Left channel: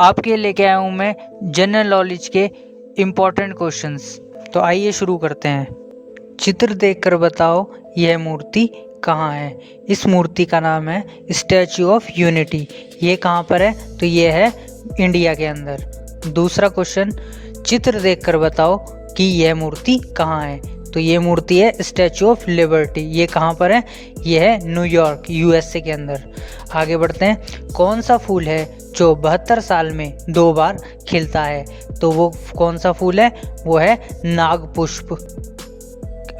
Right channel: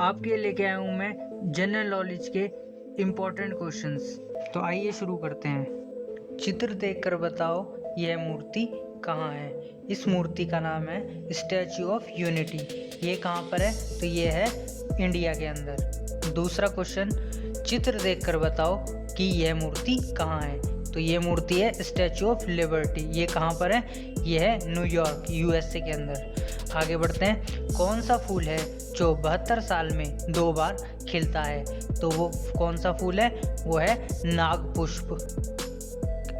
आपके लिए लेके आया हूँ मैं जनरल नॉलेज के इम्पोर्टेंट क्वेश्चंस। तो आइए शुरू करते हैं। चित्र देखकर बताओ यह मूर्ति कहाँ है। इस मूर्ति का नाम है स्टैच्यू ऑफ यूनिटी। ये कहाँ पर है? तो ये है इंडिया के अंदर। दूसरा क्वेश्चन, चित्र देखकर बताओ कि यह मूर्ति कहाँ है। तो ये मूर्ति है स्टैच्यू ऑफ लिबर्टी। ये कहाँ पर है? ये है न्यूयॉर्क, यूएसए के अंदर। आगे बढ़ते हैं। कौन सा फूल है जो 72 साल में 2 बार खिलता है? तो वो कौन सा फूल है? वो है नागपुष्प।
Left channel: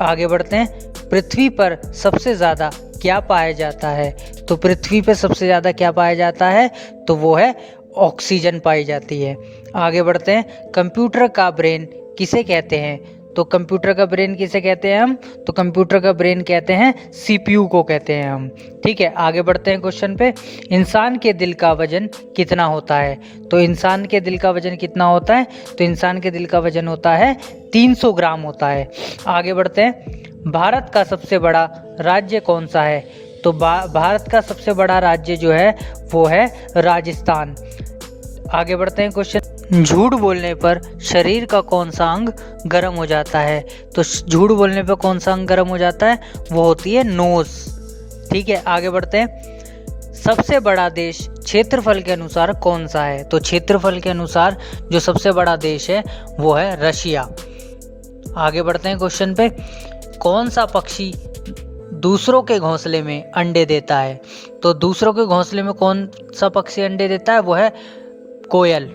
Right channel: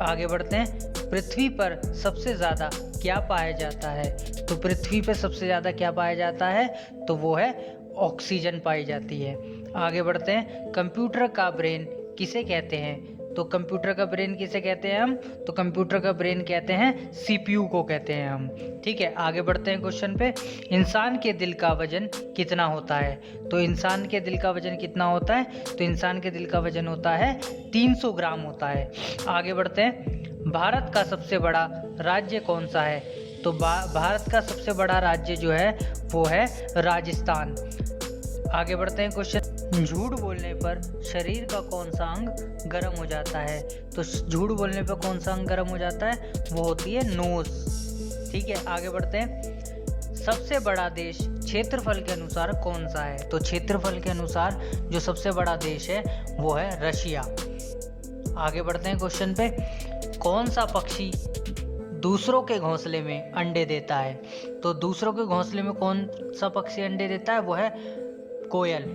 आगे बढ़ते हैं। पृथ्वी पर सबसे ज़्यादा क्या पाया जाता है? तो पृथ्वी पर सबसे ज़्यादा क्या पाया जाता है? तो वो है ऑक्सीजन पाई जाती है। आगे बढ़ते हैं। कंप्यूटर का ब्रेन किसे कहते हैं? तो कंप्यूटर का ब्रेन किसे कहते हैं हम? तो कंप्यूटर का ब्रेन कहते हैं सीपीयू को कहते हैं हम। ठीक है, आगे बढ़ते हैं क्वेश्चन पे। इंसान के दिल का वजन कितना होता है? तो इंसान के दिल का वजन कितना होता है? तो इंसान के दिल का वजन होता है 300 ग्राम होता है। आगे बढ़ते हैं। भारत का सबसे बड़ा राज्य कौन सा है? तो भारत का सबसे बड़ा राज्य जो है वो है राजस्थान। आगे बढ़ते हैं क्वेश्चन, झूठ बोलने पर शरीर का कौन सा अंग गर्म हो जाता है? तो झूठ बोलने पर कौन सा अंग गर्म हो जाता है? वो होती है नोज। ठीक है, आगे बढ़ते हैं। सबसे बड़ा देश क्षेत्रफल के अनुसार कौन सा है? तो क्षेत्रफल के अनुसार जो सबसे बड़ा देश है वो है रशिया। आगे बढ़ते हैं क्वेश्चन पे। कौन सा पक्षी दूसरों के घोंसले में अंडे देता है? तो दूसरों के घोंसले में कौन सा पक्षी अंडे देता है? वो है कोयल।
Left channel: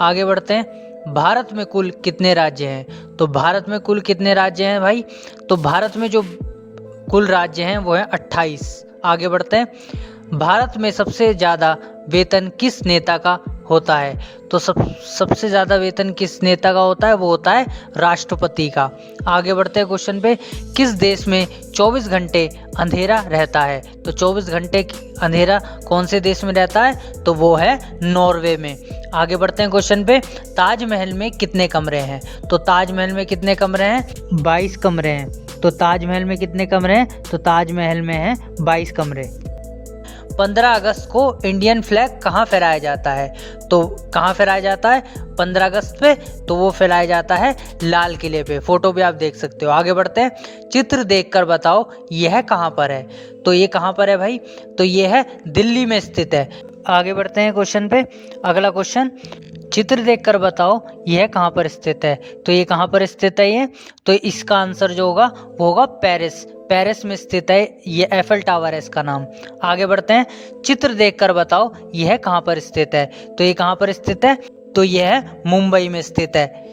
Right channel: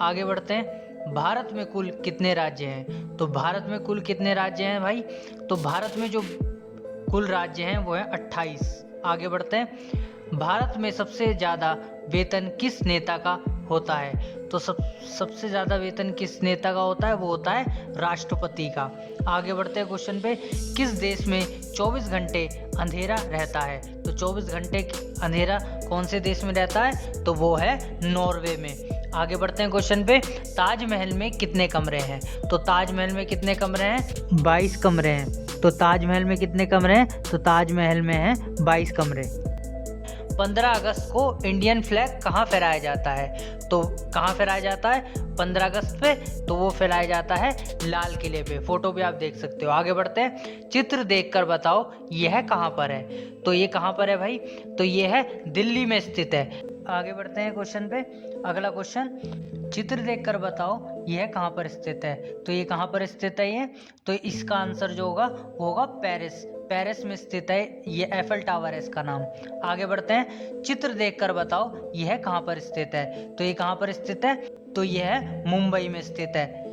आगे बढ़ते हैं। भारत में कुल कितने राज्य हैं? तो भारत में कुल कितने राज्य हैं भाई? तो भारत में जो कुल राज्य हैं वो है 28। आगे बढ़ते हैं। भारत में सबसे ज़्यादा वेतन किस नेता का होता है? तो सबसे ज़्यादा वेतन किस नेता का होता है? वो होता है राष्ट्रपति का। आगे बढ़ते हैं क्वेश्चन पे। किस देश में 24 घंटे अंधेरा रहता है? तो 24 घंटे अंधेरा कौन से देश में रहता है? तो वो है नॉर्वे में। आगे बढ़ते हैं क्वेश्चन पे। ताजमहल में कितने कमरे हैं? तो ताजमहल में कितने कमरे हैं? 22 कमरे हैं। तो ताजमहल में कितने कमरे हैं? तो ताजमहल में है 22 कमरे। 15 अगस्त को इंडियन फ्लैग कहाँ फहराया जाता है? तो कहाँ फहराया जाता है 15 अगस्त पे? तो वो फहराया जाता है लाल किले पे। फोटो भी आप देख सकते हो। आगे बढ़ते हैं। चित्र देखकर बताओ यह कहाँ पर है? तो ये कहाँ पर है भाई? तो ये है दिल्ली में स्थित है। आगे बढ़ते हैं क्वेश्चन पे। अगला क्वेश्चन, चित्र देखकर बताओ यह कहाँ पर स्थित है? तो ये कहाँ पर स्थित है ये? तो इसका आंसर जो होगा वो होगा पेरिस। पेरिस में स्थित है ये, एफिल टावर है इसका नाम। आगे बढ़ते हैं। चित्र देखकर बताओ यह कहाँ पर स्थित है? तो ये कहाँ पर स्थित है? तो यह मुंबई में स्थित है।